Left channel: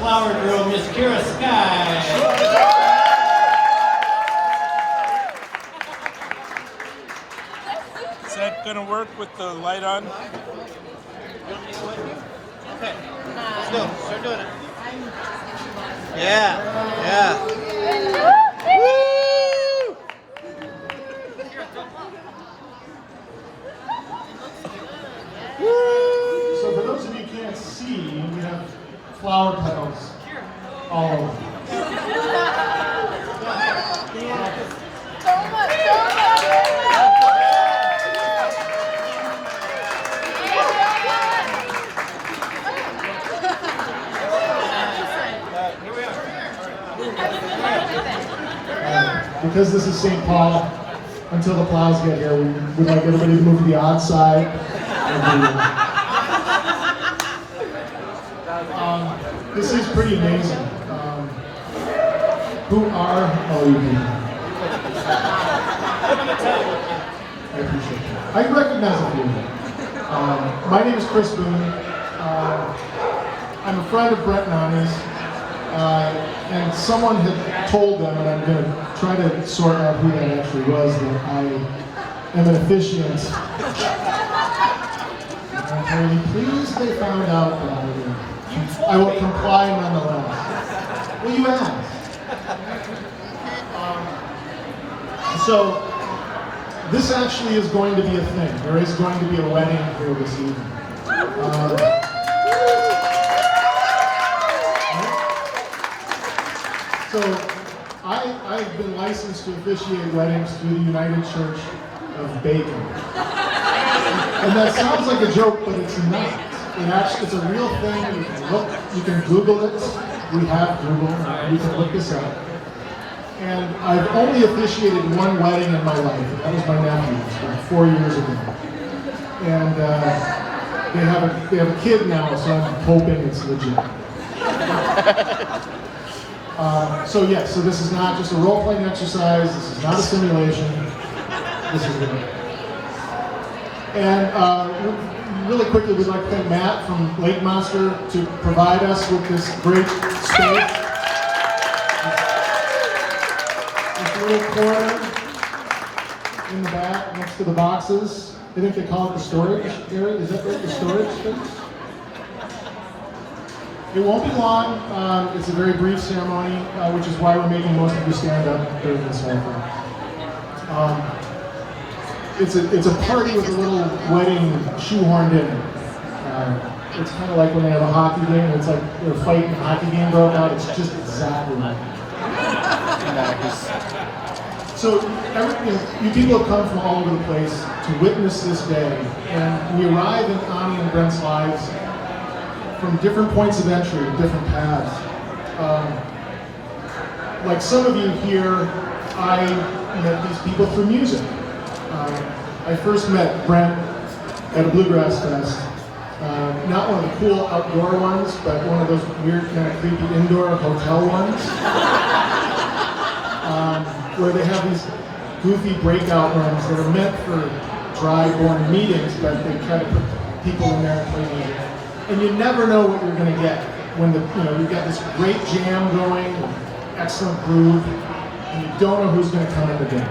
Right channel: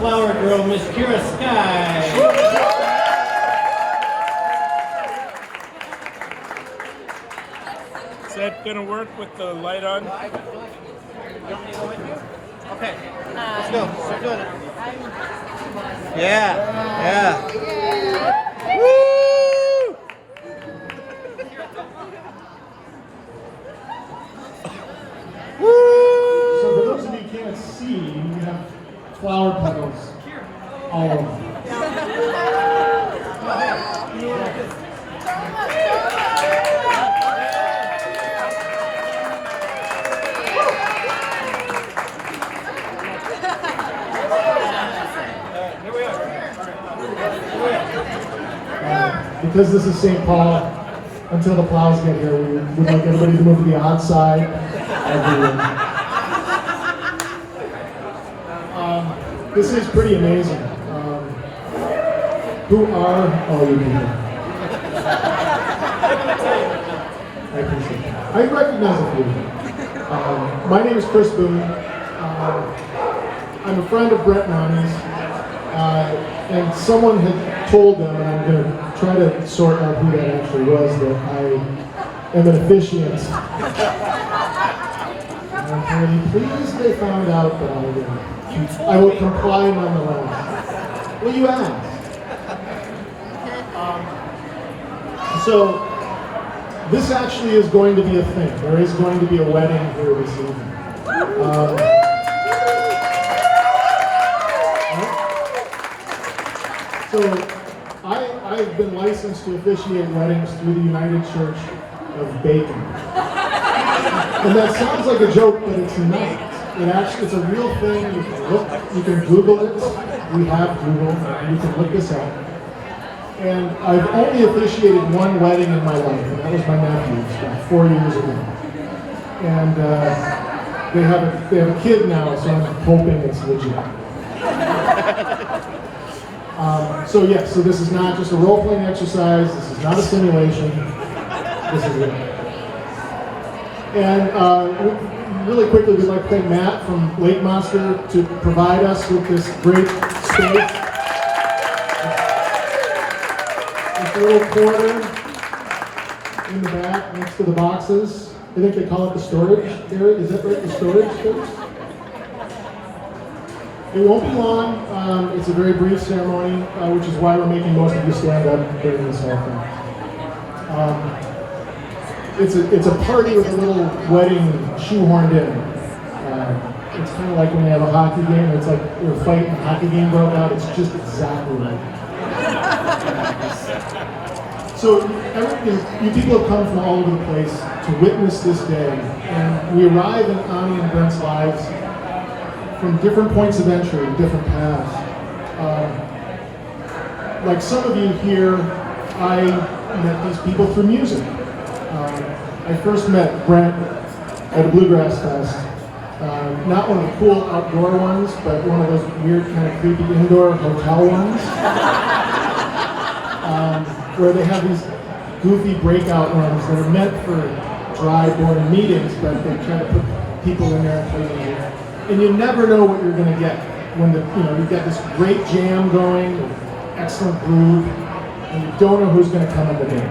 Flower girl, Miss Kira Sky. Is that gonna work with the light on? Okay, let's go. Start doing it. Yeah, yeah. Woo! So for those of you who can't see, we have flower petals all over. Here we are. Because this is St. Paul, until the plows get here, we'd like everybody to move to the odd side of the this is pretty amazing. Who are all you people? I appreciate that. I recognize a few. My name is Chris Boone. I'm a friend of Brent and Anie's. And someone had told them, and I'm going to try to sort out who that actually was, that I am an officiant. I'm really pleased they found out that I will comply nonetheless. Well, you asked. So, this actually is going to be a thing. There is going to be a wedding here this evening. So, I've been licensed to officiate weddings through the United Church of Bacon. And that sounds like a joke, but it's not. It's a real thing. You can Google it. We have Google. You can look this up. And I've only officiated one wedding in my life. That was my nephew's about 4 years ago. And they have a kid now, so I'm hoping it's legit. So this is not just a role-playing exercise. This is not a simulation. This is real. And really quickly, we'd like to thank Matt from Lake Monster to provide us with this great space. This little corner in the back next to the boxes. I think they call it the storage area. Is that right? The storage space? It won't be long. It's a very brief ceremony, which is why we're making most of you stand up during this whole thing. It's a party with a little wedding shoehorned in. It's kind of like when they have a hockey game. It's like you're fighting, a hockey game broke out. It's just exactly like that. So you people have come from all over the place to witness this day, and we arrive in Anie and Brent's lives from different points of entry, different paths. Like some of you here, I met these people through music. I first met Brent at a bluegrass fest. Not one of the cool outdoor ones, but one of those weird, kind of creepy indoor hotel ones. Where they have these goofy breakout rooms that are meant for dry-born meetings, but they try to put people in there and play music. And you never know what you're going to get when you've got this great jam going, excellent groove, and you don't know who's going to come in the game.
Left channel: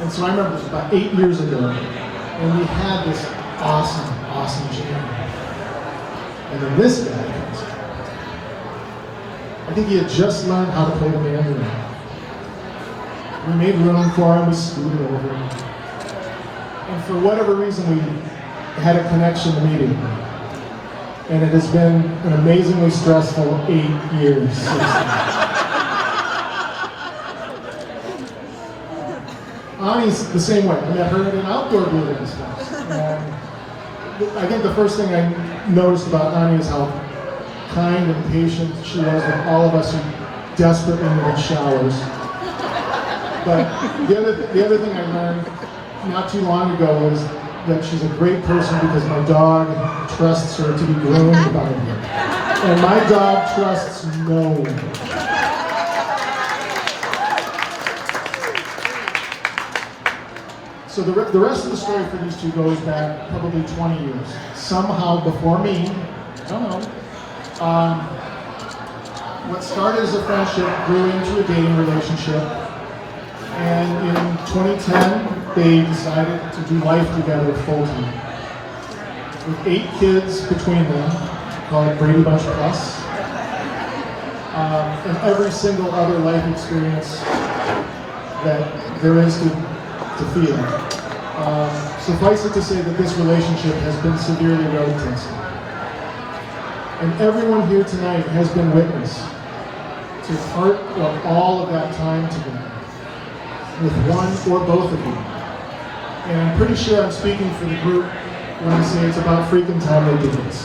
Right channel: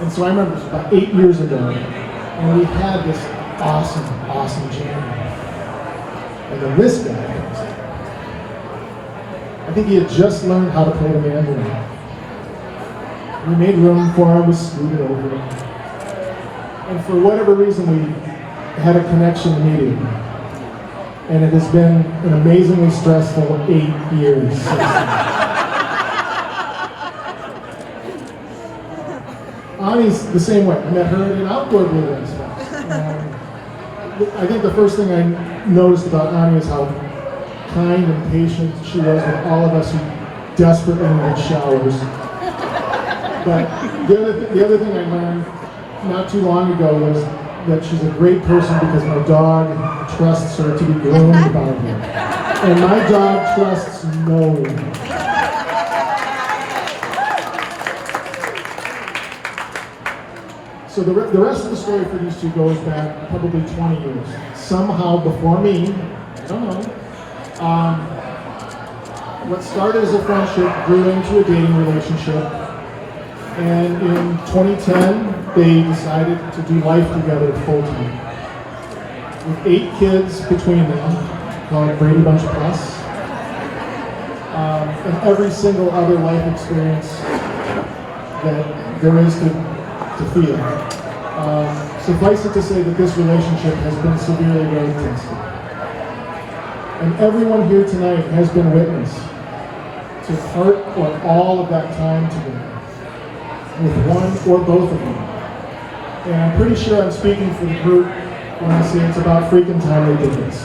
And so I remember it was about 8 years ago, and we had this awesome jam. And then this guy comes in. I think he had just learned how to play the mandolin. We made room for him, we scooted over him. And for whatever reason, we had a connection meeting. And it has been an amazingly stressful 8 years since then. Anie's the same way. I met her at an outdoor bluegrass fest. I think the first thing I noticed about Anie is how kind and patient she was with all of us who desperately needed showers. But the other thing I learned not too long ago was that she's a great person because my dog trusts her to be groomed by me. And my dog trusts no one. So the rest of the story for these two goes back probably 20 years. Somehow before me, I don't know, what started as a friendship grew into a dating relationship. And in 2010, they decided to do life together full time. With 8 kids between them, call it Brady Bunch Plus, and every single other life experience that there is to feel. Suffice it to say that this relationship has been severely road tested. And everyone here tonight has been witness to part or all of that time together with one or both of you. And I'm pretty sure I'm speaking for the group when I say it's about freaking time we did this.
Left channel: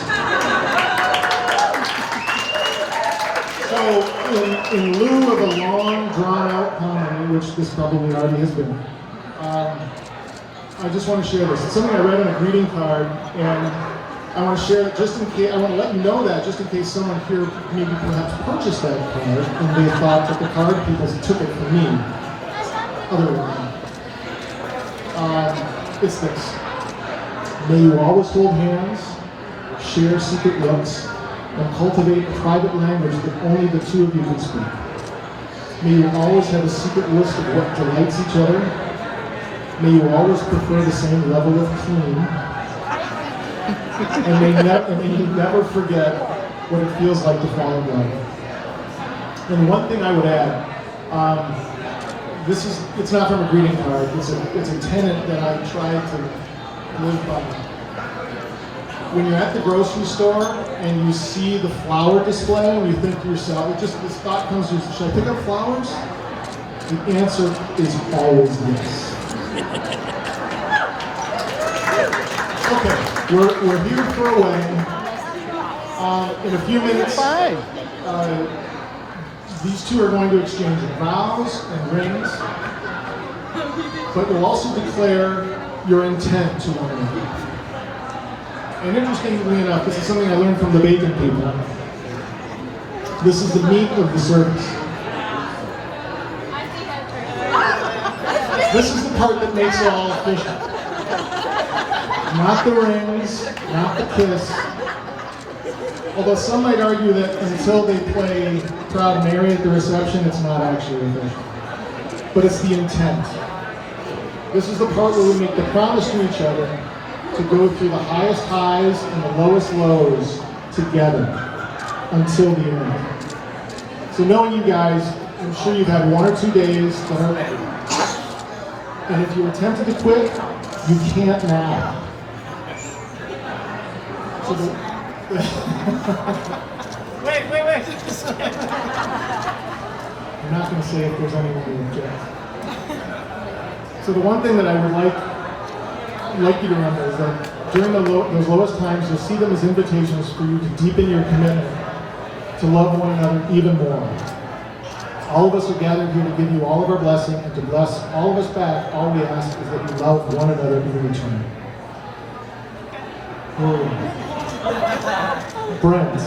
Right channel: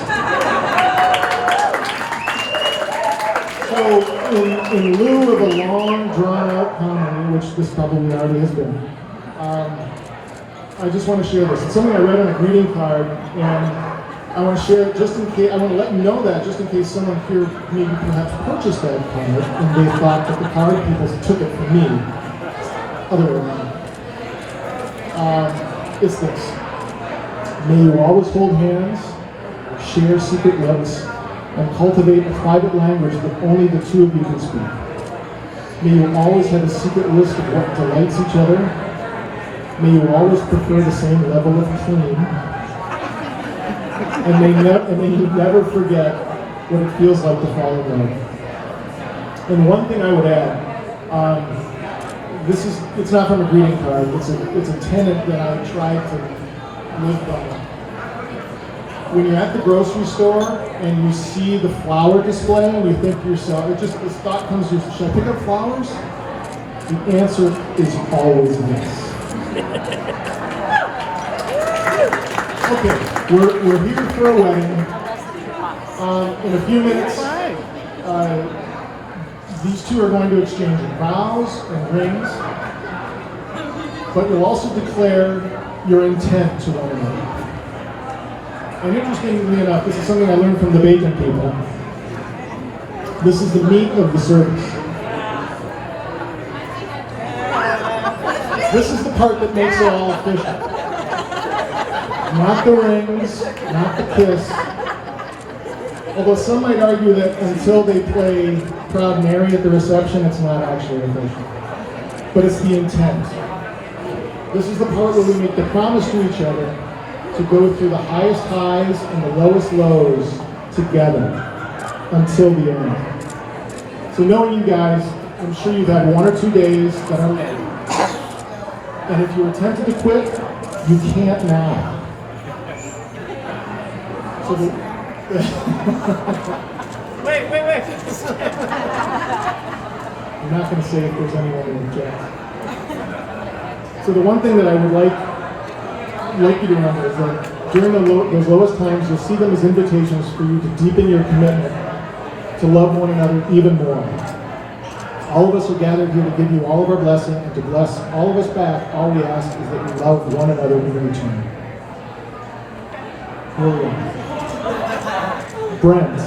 So in lieu of a long, drawn-out comedy, which this probably already has been, I just want to share this. It's something I read on a greeting card, and I want to share it just in case, I want to let you know that just in case someone here maybe perhaps purchased that card and they thought that the card people took it from me. Other than it's this. May you always hold hands, share secret looks, and cultivate a private language that only the two of you can speak. May you always have a secret list of what delights each other. May you always prefer the same level of clean. And may you never forget what it feels like to fall in love. And one thing I would add, it's not from a greeting card, it's a tenet that I try to live by. When you're at the grocery store and you see the flower display and you think to yourself, this thought comes to you, should I pick up flowers? The answer is always yes. Okay, we're here for a wedding. In a few minutes, these two are going to exchange vows and rings, but you'll also declare your intent to one another. And interestingly enough, this is something I learned from the bacon people. This is the meat of the service. This is the part that makes it all official. Not the rings, not the kiss. Although some might argue that until they play Proud Mary at the reception, it's not actually official. But it's the intent. This is the part where we make the promise to each other to go through the highest highs and the lowest lows together until the end. So knowing you guys, I'm sure you've had 1 or 2 days that are late. And if you were tempted to quit, you can't now. So Wait. I'm not going to say if there's anyone who objects. So the one thing that I would like you to remember is that during those lowest times, you'll see them as invitations for you to deepen your commitment to love one another even more. All of us are gathered here to give you all of our blessing and to bless all of us back. All we ask is that you love one another in return. Brent,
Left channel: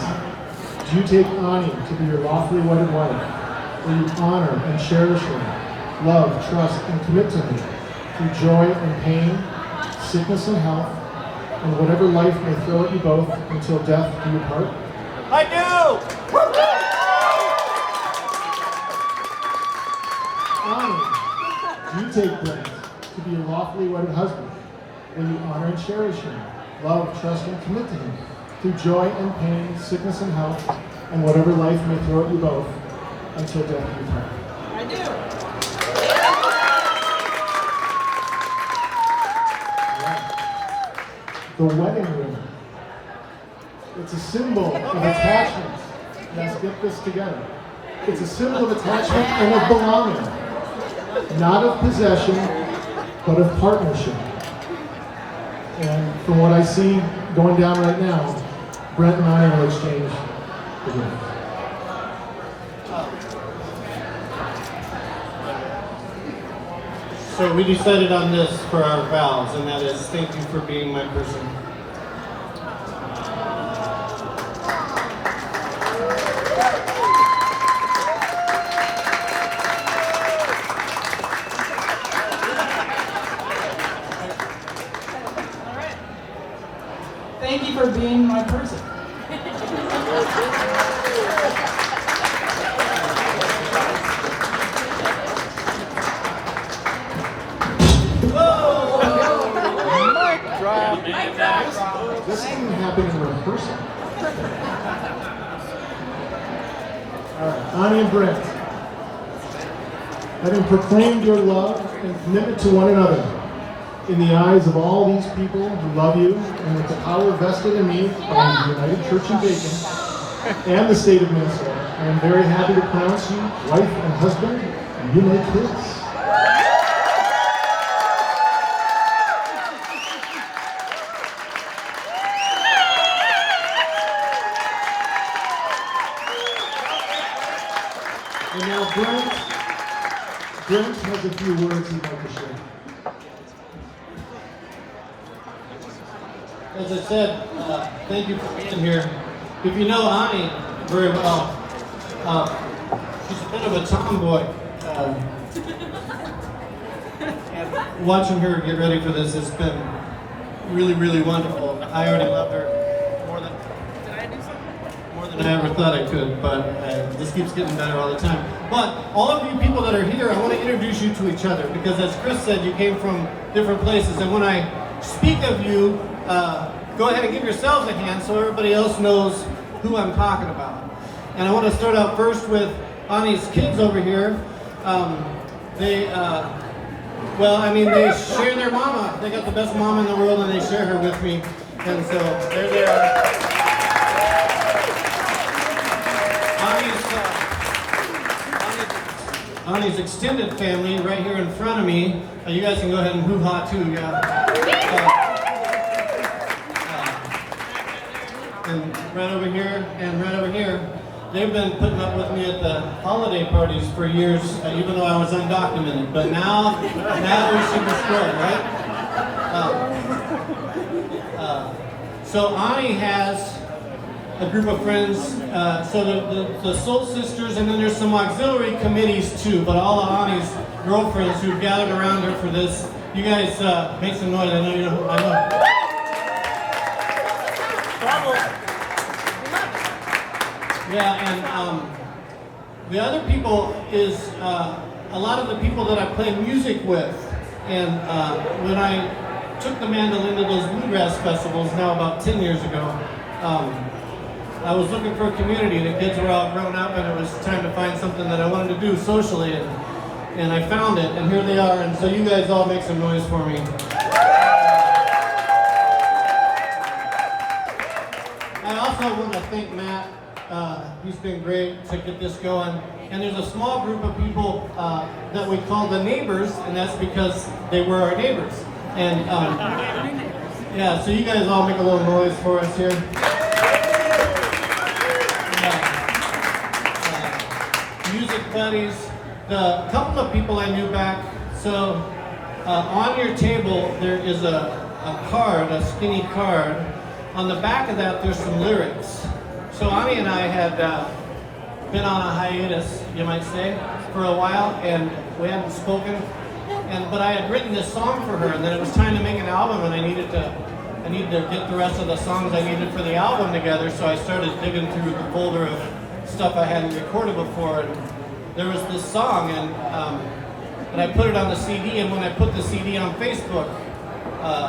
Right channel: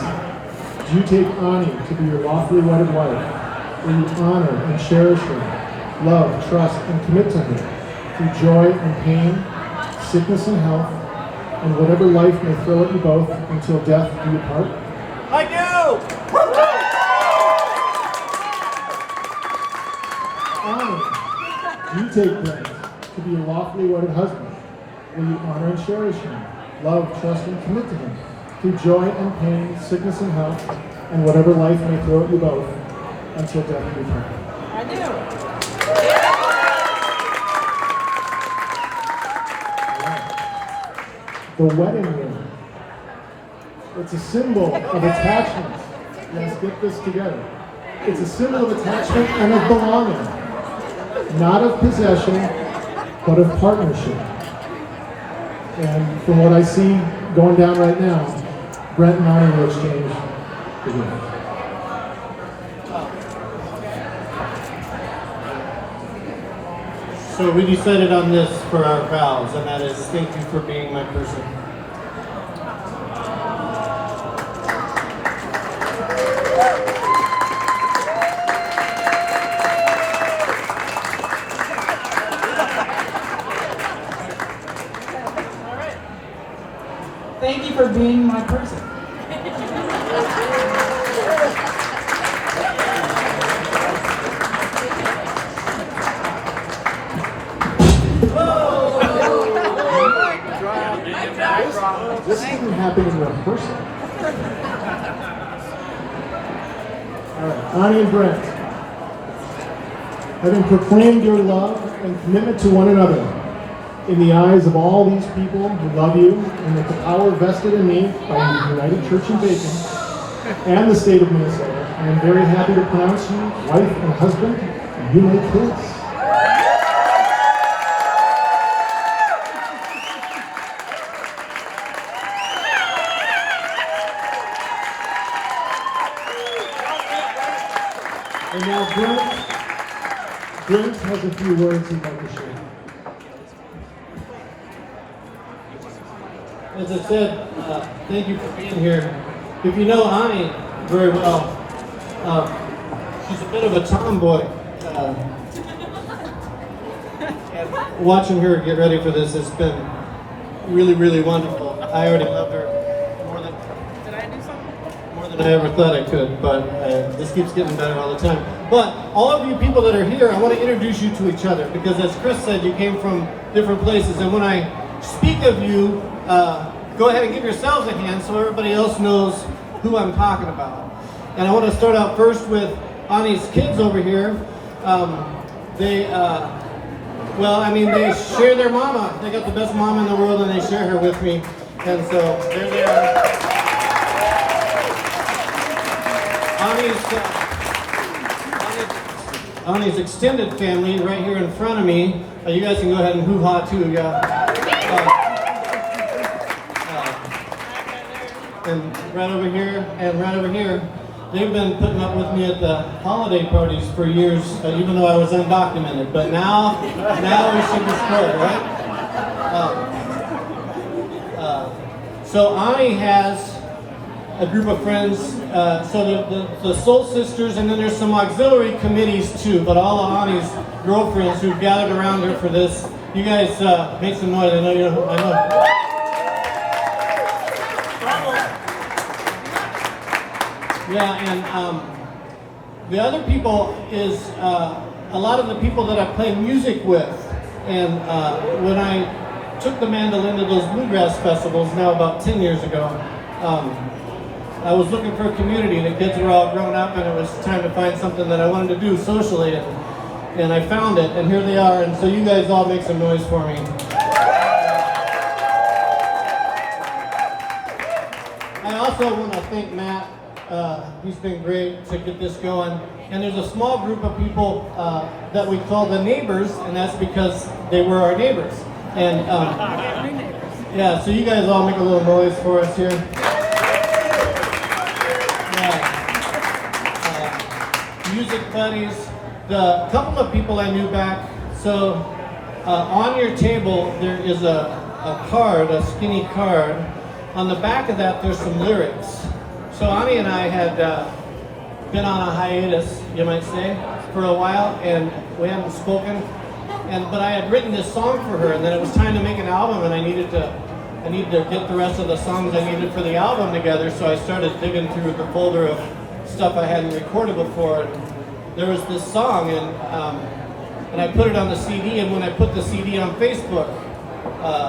do you take Anie to be your lawfully wedded wife? Will you honor and cherish her, love, trust, and commit to her through joy and pain, sickness and health, and whatever life may throw at you both until death do you part? I do! Anie, do you take Brent to be your lawfully wedded husband? Will you honor and cherish him, love, trust, and commit to him through joy and pain, sickness and health, and whatever life may throw at you both until death do you part? I do. The wedding ring. It's a symbol of attachment. Yes, get this together. It's a symbol of attachment and of belonging. Not of possession, but of partnership. And from what I see going down right now, Brent and I will exchange the ring. So we decided on this for our vows, and that is thank you for being my person. All right. Thank you for being my person. happen in rehearsal. All right, Anie and Brent, having proclaimed your love and commitment to one another in the eyes of all these people who love you, and with the power vested in me by the United Church in Bacon and the state of Minnesota, I am very happy to pronounce you wife and husband, and you may kiss. And now Brent has a few words he'd like to share. As I said, thank you for being here. If you know Anie very well, she's a bit of a tomboy. And watching her get ready for this has been really, really wonderful. I already loved her more than I ever thought I could, but this keeps getting better all the time. But all of you people that are here, I want to introduce you to each other, because as Chris said, you came from different places, and when I speak of you, go ahead and give yourselves a hand so everybody else knows who I'm talking about. And I want to start out first with Anie's kids over here. They share their mama. They got the best mama in the world, and they share her with me. And so there they are. Anie's extended family right here in front of me. You guys can go ahead and hoo-ha too, yeah. And right over here, and right over here, they've been putting up with me at the holiday parties for years, even though I was undocumented. But now we should be spoiled, right? So Anie has a group of friends, so the Soul Sisters, and then there's some auxiliary committees too, but all of Anie's girlfriends who've gathered around her for this. You guys make some noise. I know. Yeah, and the other people is a lot of the people that I play music with. And when I took the mandolin to those bluegrass festivals now about 10 years ago, I was looking for a community. The kids were all grown up, and it was time to find something that I wanted to do socially, and I found it, and here they are. And so you guys all make some noise for me. I also want to thank Matt. He's been great to get this going. And there's a small group of people that we call the neighbors, and that's because they were our neighbors. And yeah, so you guys all make a little noise for us here. Music buddies, the couple of people I knew back. So on your table there is a card, a skinny card. On the back of that there's some lyrics. So Anie and I had been on a hiatus, you might say, for a while, and we hadn't spoken. But I had written this song for her, and then it was time to make an album, and I needed to get the rest of the songs I needed for the album together. So I started digging through the folder of stuff I hadn't recorded before, and there was this song, and I put it on the CD. And when I put the CD on Facebook,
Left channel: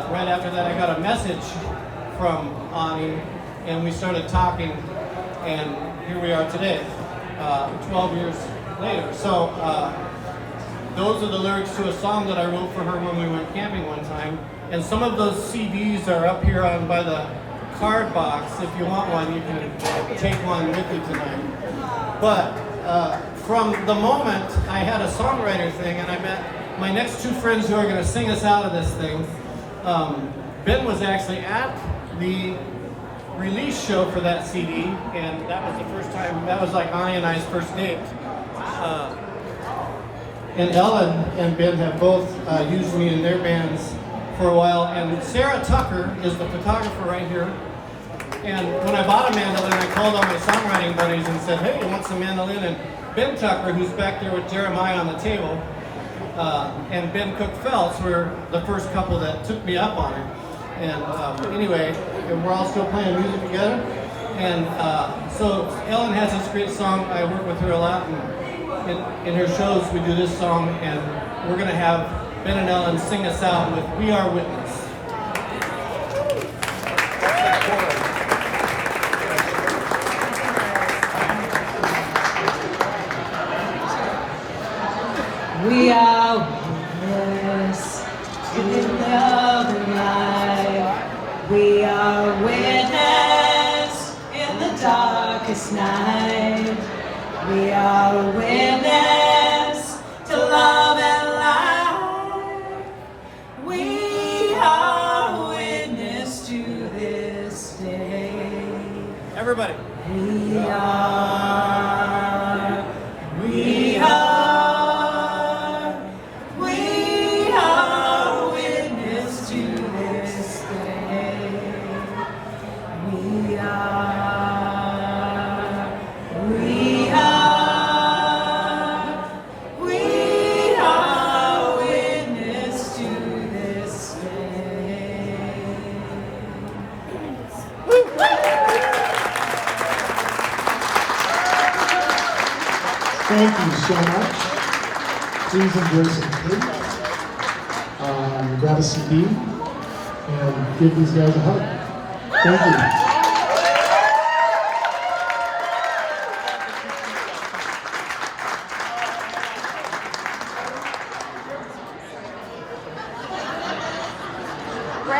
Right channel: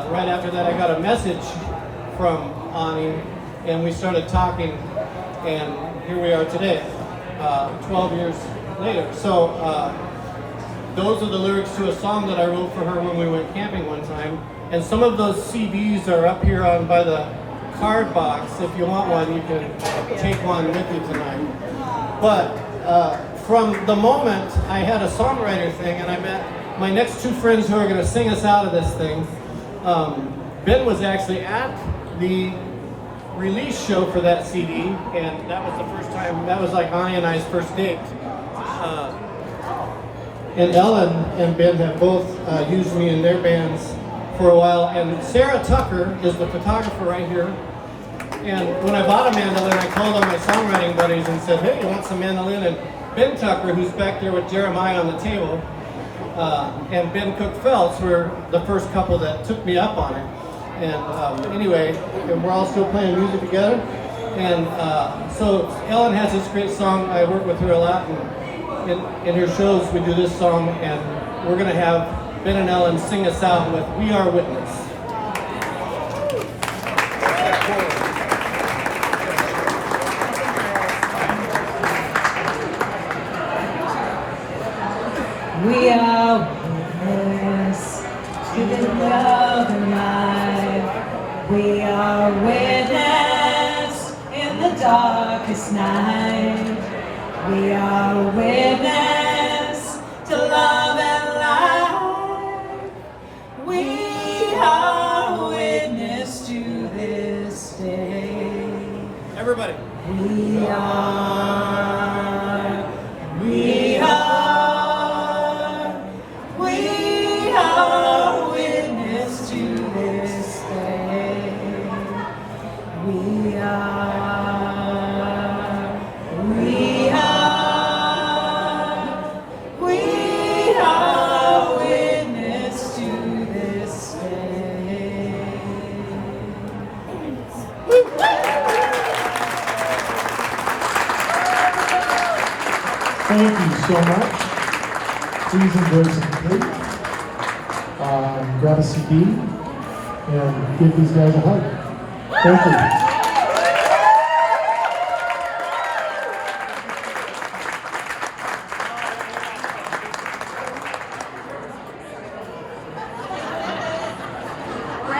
right after that, I got a message from Anie, and we started talking, and here we are today, 12 years later. So those are the lyrics to a song that I wrote for her when we went camping one time. And some of those CDs are up here on by the card box. If you want one, you can take one with you tonight. But from the moment I had a songwriter thing, and I met my next two friends who are going to sing us out of this thing, Ben was actually at the release show for that CD, and that was the first time, that was like Anie and I's first date. And Ellen and Ben have both used me in their bands for a while, and Sarah Tucker is the photographer right here. And when I bought a mandolin, I called on my songwriting buddies and said, hey, you want some mandolin? And Ben Tucker, who's back there with Jeremiah on the table, and Ben Cook-Phelps were the first couple that took me up on it. And anyway, we're all still playing music together. And so Ellen has this great song. I work with her a lot, and in her shows we do this song, and we're going to have Ben and Ellen sing us out with We Are Witness. are witness to this day. We are witness to this day. Thank you so much. Please enjoy some food. Grab a CD and give these guys a hug. Thank you.